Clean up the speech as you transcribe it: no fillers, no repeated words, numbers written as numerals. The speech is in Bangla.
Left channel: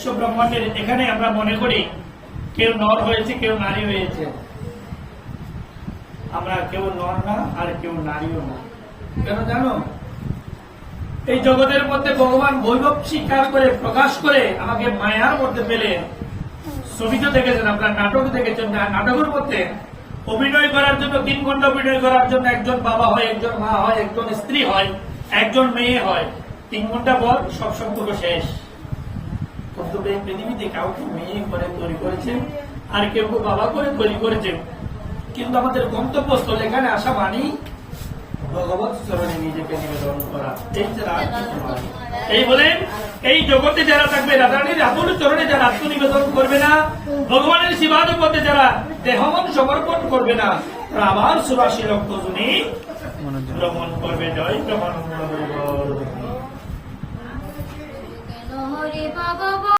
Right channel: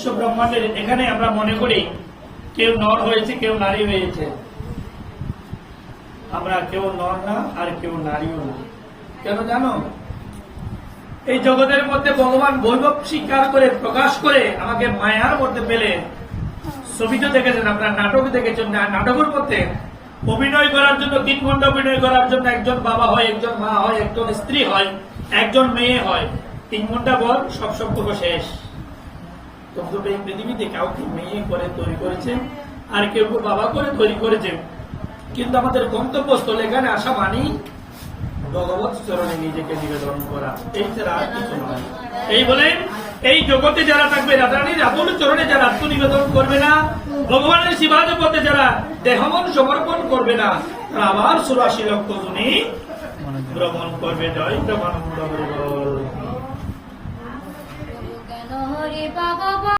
বিশ্ব ব্রহ্মাণ্ডের এখানে আমরা মনে করি কেউ নর হয়েছে, কেউ নারী হয়েছে। আমরা কেউ নর না আর কেউ নারীও না। কেন জানো? এই জগতের মধ্যে ভগবান বৈভব স্বীকার করে প্রকাশ করে আমাকে মায়ার মধ্যে পেলে। ছবিতে দেখেছেন, আপনার নাটক দেখেছেন, নাটকের মধ্যে অভিনয় করার জন্য 3 ঘন্টা অভিনয় করার জন্য একজন বাবা হয়, একজন মা হয়, একজন স্ত্রী হয়, একজন মেয়ে হয়। 3 ঘন্টা পর সব সম্পর্ক শেষ। কিন্তু এই পৃথিবীতে কাউকে মেয়ে করে তৈরি করেছেন, আর কেউ বাবা করে তৈরি করেছেন। কিন্তু আমাদের গন্তব্যস্থল এখানে আসা মানি ভগবত চরণে নিজেকে নিবেদন করা, এই ছাড়া আর কিছু নয়। এই বলে এই জগতে যারা থাকবে, রাধারানীর আপন চরণে যারা আত্মনিবেদন করবে না, ভগবানের শিবাদের পথে যারা দেহমন সমর্পণ করবে না, তারা আবার 84 লক্ষ গুণী ভ্রমণ করবে। জয় জগন্নাথ।